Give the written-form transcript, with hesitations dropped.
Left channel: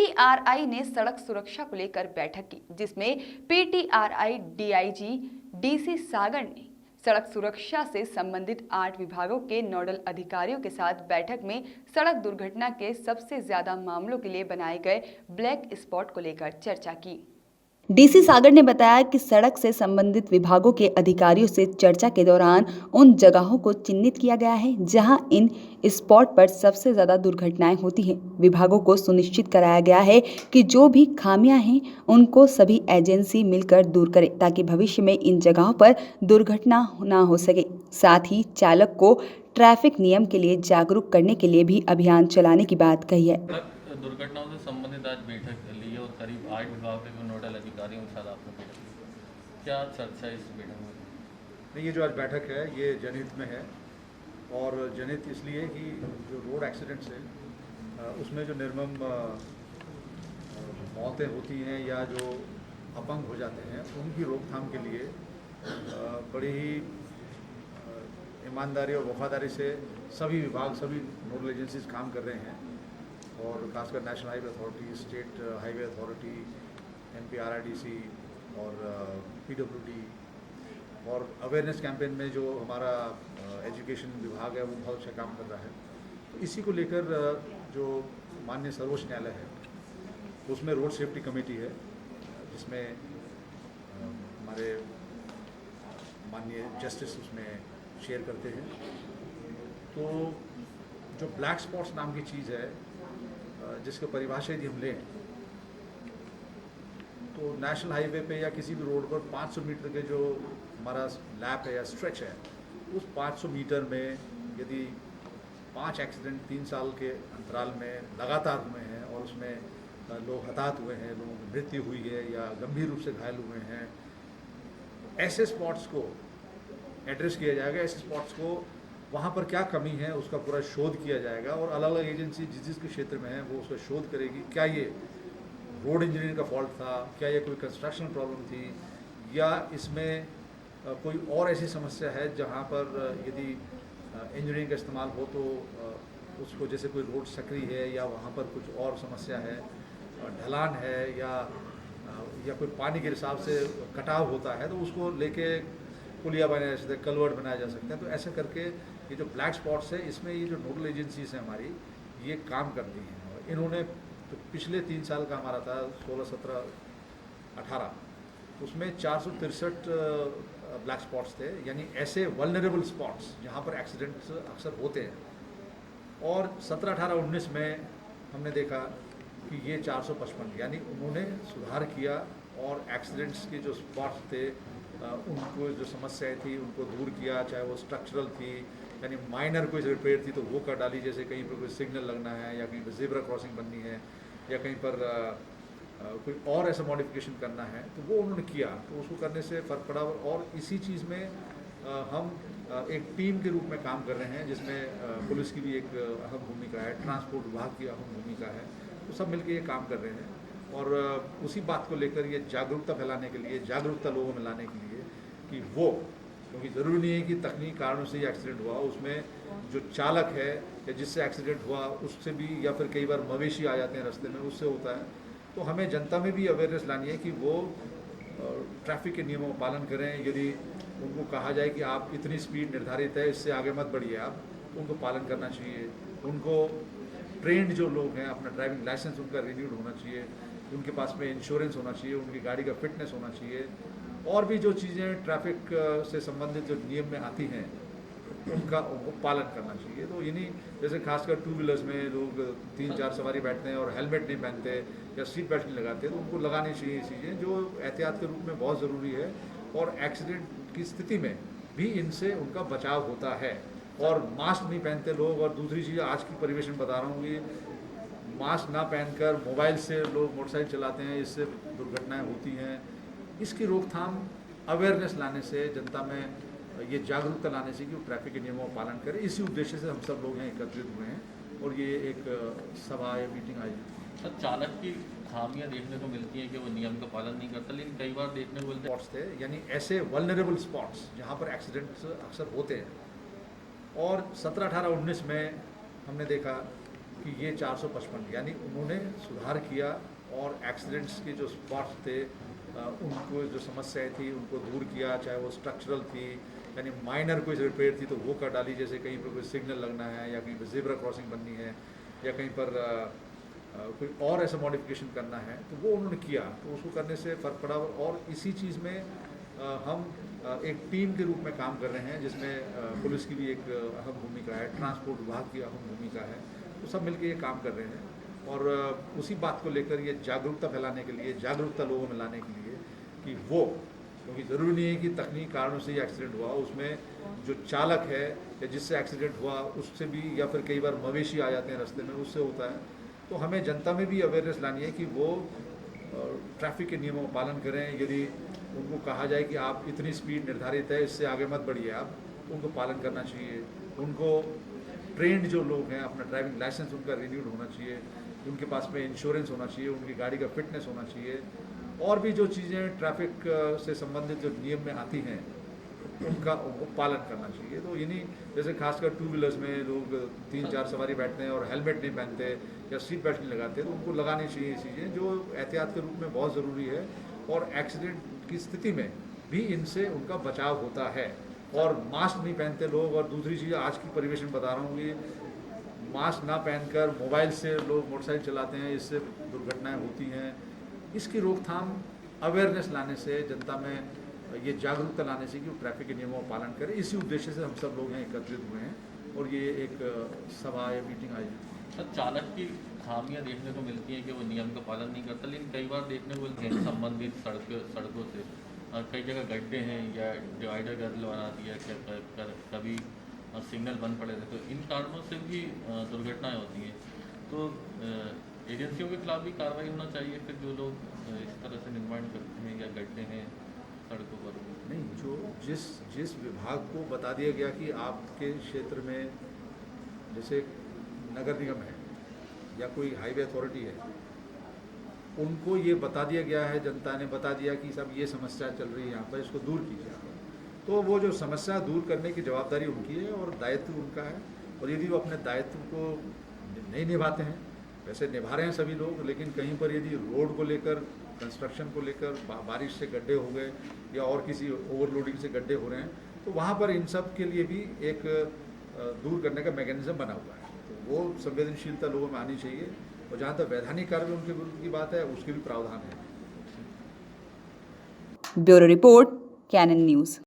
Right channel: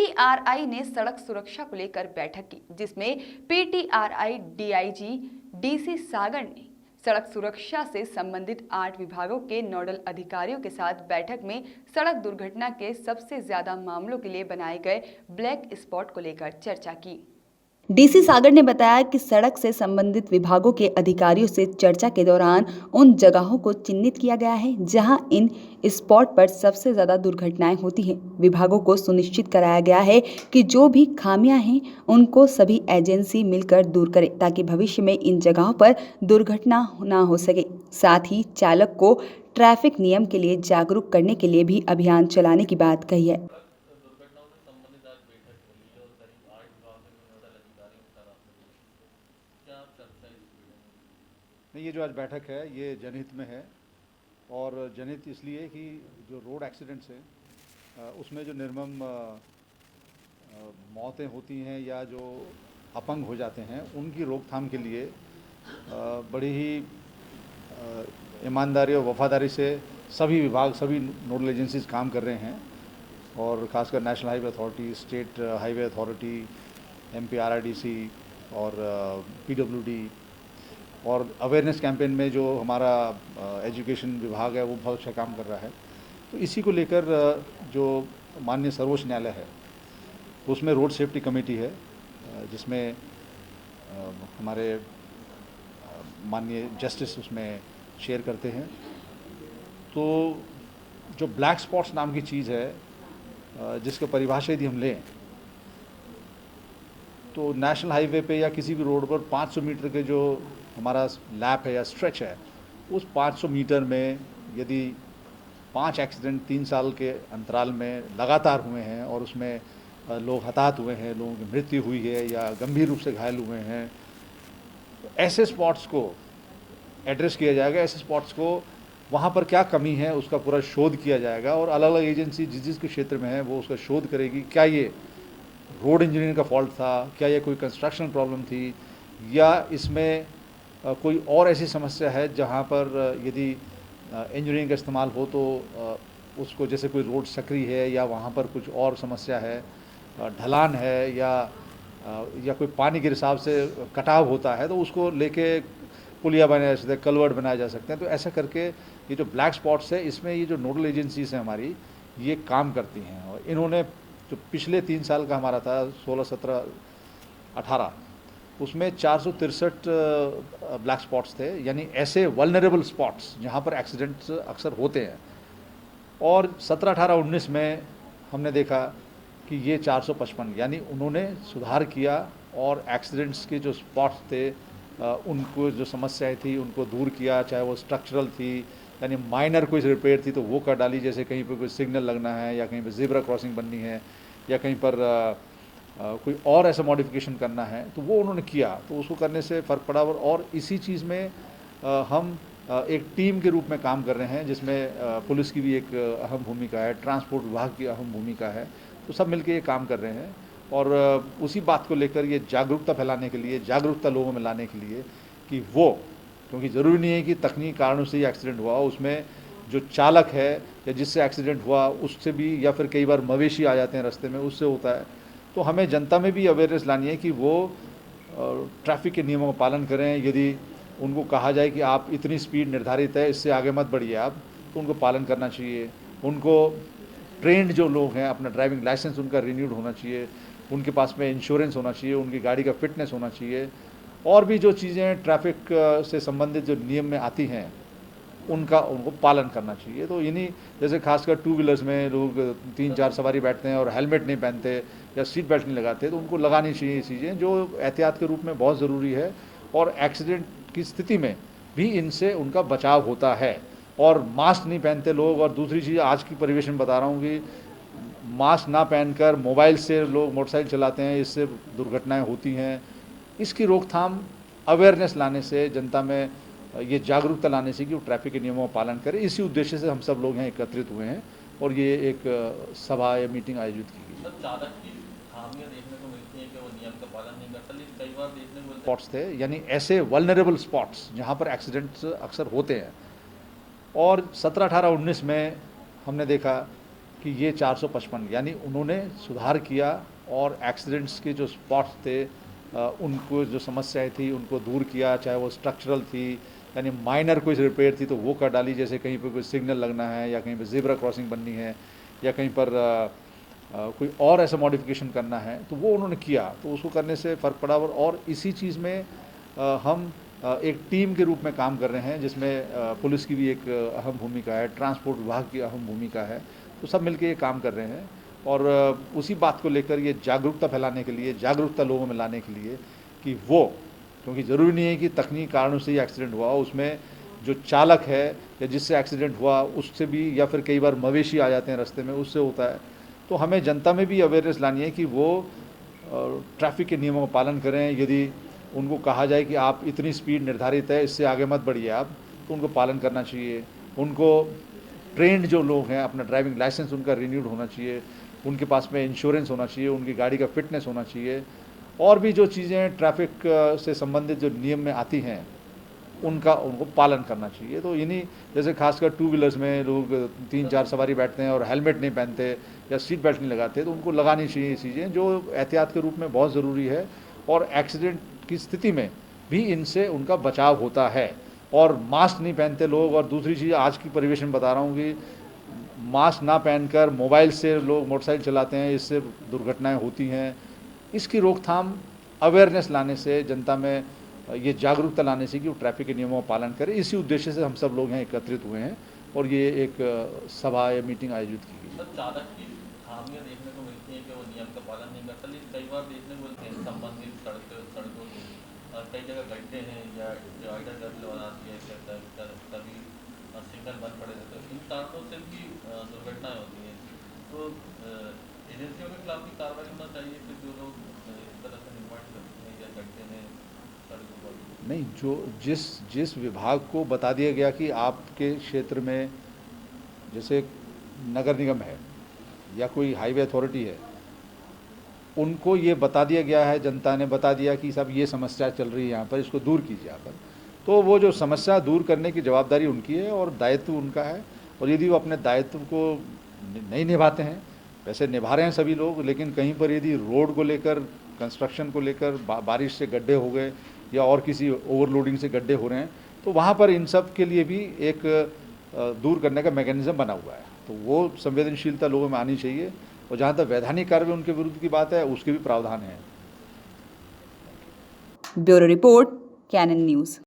PTRI ने सड़क सुरक्षा को लेकर बैठक की, जिसमें पीटीआरआई डीआईजी डीसी सागर ने सड़क सुरक्षा से संबंधित 8 विभागों के नोडल अधिकारियों के साथ बैठक में सड़क दुर्घटना के सबसे ज्यादा मामलों के लिए बनाए गए ब्लैक स्पॉट को लेकर चर्चा की। डीसी सागर ने बताया कि सड़क से संबंधित विभागों के अधिकारियों से चर्चा के दौरान उन जगहों को चिन्हित किया गया है जहां इन स्पॉट पर सबसे ज्यादा दुर्घटनाएं होती हैं। विभागों को सुनिश्चित कराया गया है कि जो भी खामियां हैं उनको सभी एजेंसी मिलकर दूर करें ताकि भविष्य में इन जगहों पर दुर्घटना ना हो सके। साथ ही चालक को ट्रैफिक नियम के लिए जागरूक करने के लिए भी अभियान चलाने की बात कही है। दुर्घटनाओं से संबंधित आज बैठक ली और करीब 8 विभाग के नोडल अधिकारियों के साथ आपने बैठक की। क्या चर्चा इस बैठक में? ये जो आज बैठक है ये जनहित में है और जनहित इसलिए कि जो रोड एक्सीडेंट्स हैं उसमें जो निर्मम मौतें होती हैं या जो अपंग हो जाते हैं उनकी रोकथाम के लिए बड़ी ही ईमानदारी और वफादारी से सभी विभाग, सभी नोडल एजेंसीज काम कर रहे हैं और खासकर national highway authority, state highway authority, MPRIDC और पीडब्ल्यूडी और अवेयरनेस कैंपेन में जो हमारा एजुकेशन विभाग है वो बहुत अच्छा काम कर रहा है। तो इसी को लेकर जो माननीय सर्वोच्च न्यायालय है उसमें रोड सेफ्टी कमेटी है जिसमें हमारे माननीय जस्टिस उसमें शेयर करते हैं। तो जो ब्लैक स्पॉट्स नाम की चीज़ है जिसके परिभाषा यदि हम लें तो नेशनल हाईवे पे या किसी भी रोड पर 500 मीटर के जो हमारा लैप है या स्ट्रेच है उस 500 मीटर में यदि 5 एक्सीडेंट 3 साल के अंतराल में लगातार हुए हैं और उसमें लोग हताहत हुए हैं, लोगों की मृत्यु हुई है या गंभीर रूप से घायल हुए हैं, तो ऐसे स्पॉट्स को एड्रेस किया जाएगा। ऐसे स्पॉट्स को वहाँ पर क्या कमी है उसका पूरा शोध किया जाएगा और अलग अलग एजेंसी जिस जिसके क्षेत्र में है वो उसका शोध करेगी। क्या ये रोड इंजीनियरिंग का फॉल्ट था, क्या ये कोई कंस्ट्रक्शन प्रॉब्लम थी या इसमें कोई और ऐसी समस्या है जहाँ पर यदि इंजीनियरिंग का इस्तेमाल हो तो उसको, जैसे कोई रोड सकरी है या वहाँ पर कुछ और समस्या है, ढलान है या कोई पानी के हिसाब से कटाव होता है तो उसको लेके पुलिया बनाया जा सकता है, कलवर्ट बनाया जा सकते हैं। तो ऐसा करके ये जो ब्लैक स्पॉट्स है इसमें ये जो नोडल एजेंसीज हैं हमारी ये काम करती हैं और इन्होंने जो पिछले 3 साल का हमारा था 16, 17, 18 उसमें 463 ब्लैक स्पॉट्स थे, यानी ऐसे वल्नरेबल स्पॉट्स जहाँ पर एक्सीडेंट्स अक्सर होते हैं। और 17, 18, 19 में हमने देखा कि ये 455, यानी उन्होंने सुधार किया और एक्सीडेंट्स के जो स्पॉट्स थे उनको जो समस्याएं थी उनको दूर किया, चाहे वो स्ट्रक्चरल थी यानी माइनर कोई रिपेयर थी तो वो कर डाली, जैसे कहीं पर कोई सिग्नल लगना है या कहीं पर ज़ेब्रा क्रॉसिंग बननी है या कहीं पर कोई और ऐसा मॉडिफिकेशन करना है तो वो उन्होंने किया। तो उसको करने से फ़र्क पड़ा और इसी चीज़ में हम एक टीम के रूप में काम कर रहे हैं जिसमें पुलिस की भी एक अहम भूमिका है, ट्रांसपोर्ट विभाग की अहम भूमिका है। तो सब मिलकर ये काम कर रहे हैं और उसी बात को लेकर ये जागरूकता फैलाने के लिए, जागरूकता लोगों में लाने के लिए कि वो, क्योंकि ज़रूरी नहीं है कि तकनीकी कारणों से ही एक्सीडेंट हुआ, उसमें जो चालक है या जिससे एक्सीडेंट हुआ उससे भी, या फिर कई बार मवेशी आ जाते हैं रास्ते में उससे होता है। तो हमें जनता में भी अवेयरनेस लानी है कि वो ट्रैफिक के नियमों का पालन करें। यदि उनको कहा जाए कि आप इतनी स्पीड निर्धारित है इससे आगे मत बढ़िए आप, तो उनको पालन करना चाहिए। उनको ट्रेंड जो लोग हैं, अपना ड्राइविंग लाइसेंस उनका रिन्यूड होना चाहिए, उनके पास में इंश्योरेंस होना चाहिए, उनकी गाड़ी का फिटनेस होना चाहिए और भी जो चीज़ें ट्रैफिक से संबंधित जो नियम में आती हैं उनको पालन करना चाहिए। तो इन्हीं जैसे खासकर 2 व्हीलर्स में लोग 3-4 सवारी बैठते हैं और हेलमेट नहीं पहनते या सीट बेल्ट नहीं लगाते, तो उनको लगानी चाहिए ये चीज़ें जो एहतियात के रूप में बहुत ज़रूरी है और एक्सीडेंट की स्थिति में भी इनसे उनका बचाव होता है। और मास्क नहीं पहनते लोग, और दूसरी चीज़ आज की परिवेश में बता रहा हूँ कि मास्क ना पहनकर मोबाइल से लोग मोटरसाइकिल चलाते हैं, इससे दुर्घटनाएं होती हैं। इसकी रोकथाम अवेयरनेस लाने से, जनता में ये जागरूकता लाने से कि वो ट्रैफिक के नियमों का पालन करें, इसी उद्देश्य से हम सब लोग यहाँ एकत्रित हुए हैं और ये एक सभा या मीटिंग आयोजित की। सर, चालक की खामियां देखने को मिलती है कि वो नियम का पालन नहीं करता, लेकिन कई बार देखने को स्पॉट्स थे, यानी ऐसे वल्नरेबल स्पॉट्स जहाँ पर एक्सीडेंट्स अक्सर होते हैं। और 17, 18, 19 में हमने देखा कि ये 455 यानी उन्होंने सुधार किया और एक्सीडेंट्स के जो स्पॉट्स थे उनको जो समस्याएं थी उनको दूर किया, चाहे वो स्ट्रक्चरल थी यानी माइनर कोई रिपेयर थी तो वो कर डाली, जैसे कहीं पर कोई सिग्नल लगना है या कहीं पर ज़ेब्रा क्रॉसिंग बननी है या कहीं पर कोई और ऐसा मॉडिफिकेशन करना है तो वो उन्होंने किया, तो उसको करने से फ़र्क पड़ा। और इसी चीज़ में हम एक टीम के रूप में काम कर रहे हैं जिसमें पुलिस की भी एक अहम भूमिका है, ट्रांसपोर्ट विभाग की अहम भूमिका है, तो सब मिलकर ये काम कर रहे हैं। और उसी बात को लेकर ये जागरूकता फैलाने के लिए, जागरूकता लोगों में लाने के लिए कि वो, क्योंकि ज़रूरी नहीं है कि तकनीकी कारणों से ही एक्सीडेंट हुआ, उसमें जो चालक है या जिससे एक्सीडेंट हुआ उससे भी, या फिर कई बार मवेशी आ जाते हैं रास्ते में, उससे होता है। तो हमें जनता में भी अवेयरनेस लानी है कि वो ट्रैफिक के नियमों का पालन करें। यदि उनको कहा जाए कि आप इतनी स्पीड निर्धारित है, इससे आगे मत बढ़िए आप, तो उनको पालन करना चाहिए। उनको ट्रेंड जो लोग हैं, अपना ड्राइविंग लाइसेंस उनका रिन्यूड होना चाहिए, उनके पास में इंश्योरेंस होना चाहिए, उनकी गाड़ी का फिटनेस होना चाहिए, और भी जो चीज़ें ट्रैफिक से संबंधित जो नियम में आती हैं उनको पालन करना चाहिए। तो इन्हीं जैसे खासकर 2 व्हीलर्स में लोग 3-4 सवारी बैठते हैं और हेलमेट नहीं पहनते या सीट बेल्ट नहीं लगाते, तो उनको लगानी चाहिए ये चीज़ें जो एहतियात के रूप में बहुत ज़रूरी है। और एक्सीडेंट की स्थिति में भी इनसे उनका बचाव होता है। और मास्क नहीं पहनते लोग, और दूसरी चीज़ आज की परिवेश में बता रहा हूँ कि मास्क ना पहनकर मोबाइल से लोग मोटरसाइकिल चलाते हैं, इससे दुर्घटनाएं होती हैं। इसकी रोकथाम अवेयरनेस लाने से, जनता में ये जागरूकता लाने से कि वो ट्रैफिक के नियमों का पालन करें, इसी उद्देश्य से हम सब लोग यहाँ एकत्रित हुए हैं और ये एक सभा या मीटिंग आयोजित की गई। सर, चालक की खामियां देखने को मिलती है कि वो नियम का पालन नहीं करता, लेकिन कई बार देखने को मिलते हैं संबंधित सड़कों से कई जगह गड्ढे हैं या डिवाइडर गर्द बना दिया, कभी सिग्नल बंद पड़े रहते, तो इन कारणों से भी दुर्घटनाएं होती हैं। तो एजेंसियों के खिलाफ भी कार्रवाई होना चाहिए फिर जो लोग इस तरह से निर्माण करते हैं या गड्ढे हैं सड़कों पर। नहीं, जो जिस विभाग को बता दिया गया कि आपके क्षेत्र में जैसे नगर निगम है या कोई हाईवे अथॉरिटी है, उनको ये बता दिया गया है, जनता ने बता दिया कि साहब ये समस्या चल रही है यहाँ पर, इसको दूर कीजिए आप, तो वो जो समस्या दूर करने की जवाबदारी उनकी है और दायित्व उनका है। और यदि वो अपने दायित्व को नहीं निभाते हैं, वैसे निभा रहे हैं सभी लोग, लेकिन कहीं पर यदि रोड को लेकर, कंस्ट्रक्शन को लेकर बारिश से गड्ढे हो गए या और किसी ओवरलोडिंग से गड्ढे हो रहे हैं, तो वहाँ पर इन सब के लिए भी एक दूर करने का मैकेनिज्म बना हुआ है। तो वो संवेदनशीलता लोगों में आनी चाहिए। और जहाँ तक वैधानिक कार्रवाई उनके विरुद्ध की बात है, उसके भी प्रावधान है। Bureau report, Canon news.